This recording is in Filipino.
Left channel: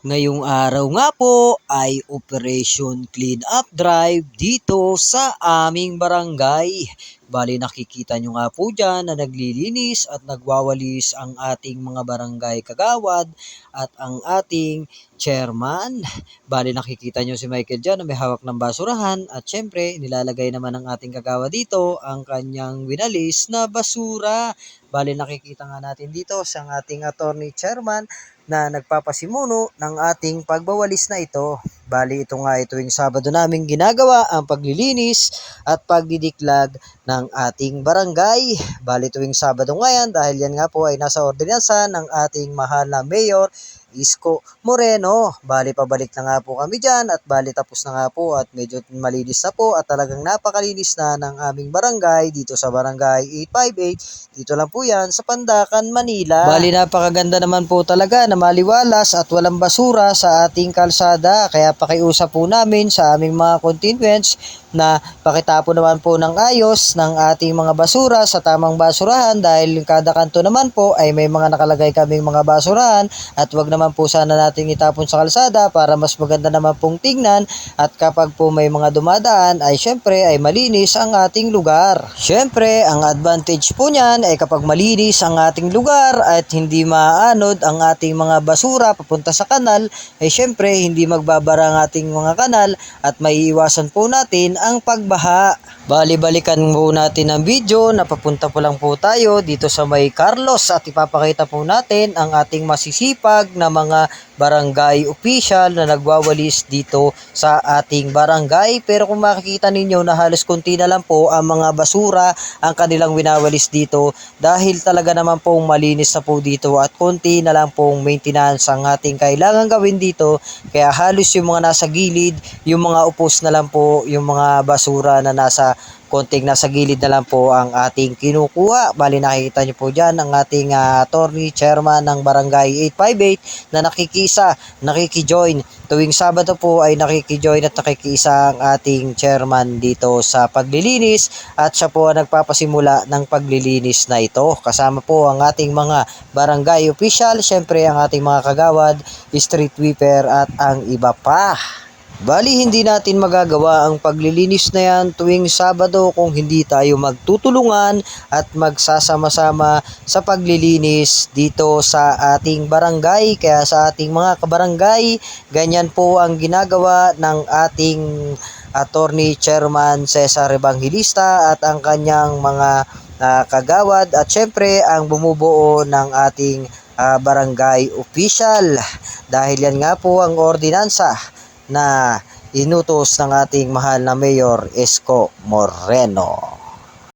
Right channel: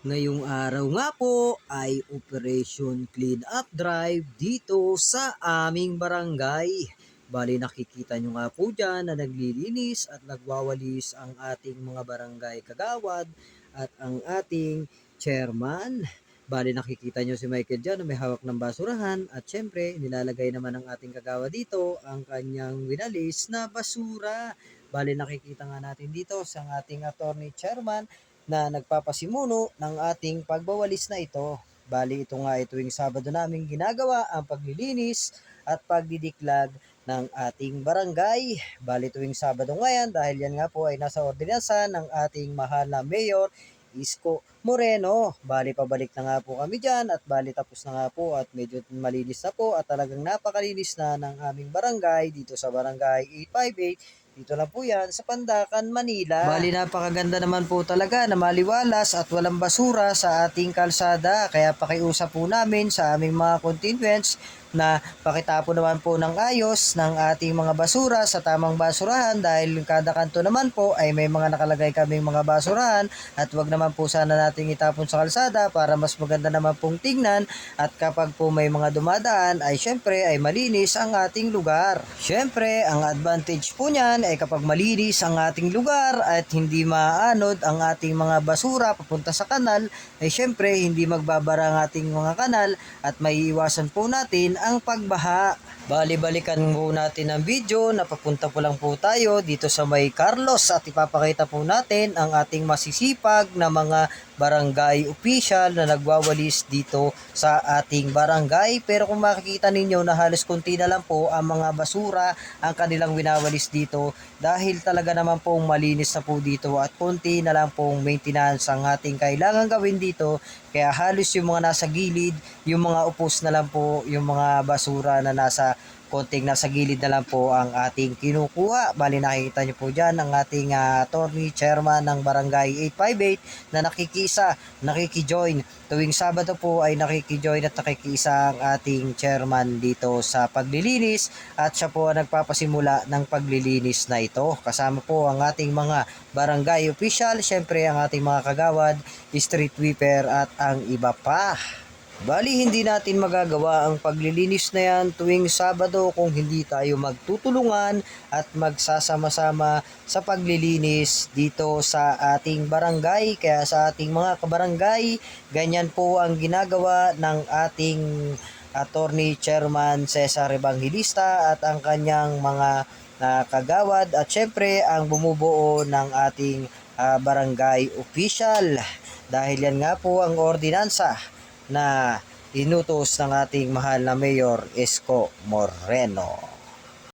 Ngayong araw nga po ay Operation Clean Up Drive dito sa aming barangay. Bali nakikita nyo nga po dyan na naglilinis at nagwawalis ang ating mga barangay kagawad at ang ating chairman. Bali nakikita nyo si Michael dyan na may hawak ng basurahan at syempre nilalagay naman ng ating kagawad dito ang kanyang winalis na basura. Bali nakikita nga natin dito sa ating attorney chairman na nagpapasimuno ng ating pagbawalis na ito. Bali ito nga yung Sabado namin ginagawa ang paglilinis at pagdidiklag ng ating barangay. Bali tuwing Sabado nga yan dahil yan nga po ay nasa ordinansa ng ating mahal na Mayor Isko Moreno. Bali pabalik na nga po kami dyan at bali tapos na nga po at medyo malinis na po at talagang napakalinis na ng aming barangay dito sa barangay 858. Dito lang po yan sa Pandakan, Manila. Bali napakaganda naman po talaga na maliwalas at walang basura sa ating kalsada. Kaya pakiusap po namin sa aming mga constituents na pakitapo naman po ng ayos ng ating mga basura sa tamang basurahan dahil kada kanto naman po ay may mga nakalagay kaming mga basurahan at wag naman po sana nating itapon sa kalsada para mas maganda naman pong tingnan at kapag po may mga dumadaan ay syempre ay malinis ang ating lugar. Syempre ang advantage po niyan ay kapag malinis ang ating lugar at hindi maanod ang ating mga basura papunta sa kanal ay syempre hindi magbabara ang ating mga kanal at maiiwasan po natin ang pagbaha. Bali-balikan po natin ang video na papunta po lang po tayo dito sa may Carlos at ipapakita po natin ang ating masisipag na mga barangay official na nagwawalis dito sa ating barangay. Pero kung makikita ninyo na halos konti na lang po ang mga basura ang kanilang winawalis dito dahil talaga naman pong malinis na po dito at konti na lang pong maintenance ang ating kailangan gawin dito. Kaya halos yung mga nasa gilid, yung mga upos na lang po, yung mga basura na nasa konting nasa gilid na lang po ang ating kinukuha. Bali nakikita niyo po dyan ang ating ah, attorney chairman ng barangay 858 na nakikisa, nakikijoin. Tuwing Sabado po ay nakikijoin at nakikiisa ang ating chairman dito sa paglilinis at siya po ang nagpapasimula ng paglilinis na ito. Kasama po ang ating mga barangay official, syempre ang ating mga kagawad, street sweeper at ang iba pa. Bali, hindi natin magagawa ang paglilinis na yan tuwing Sabado kung hindi tayo magtutulungan at magsasama-sama sa paglilinis dito sa ating barangay. Kaya sa ating mga kabarangay, ganyan po ang ginagawa ng ating attorney chairman Cesar Evangelista at ang kanyang mga ah, kagawad at syempre ang bumubuo ng ating ah, barangay official. Dahil yan nga po ang ordinansa na inutos ng ating mahal na Mayor Isko Moreno.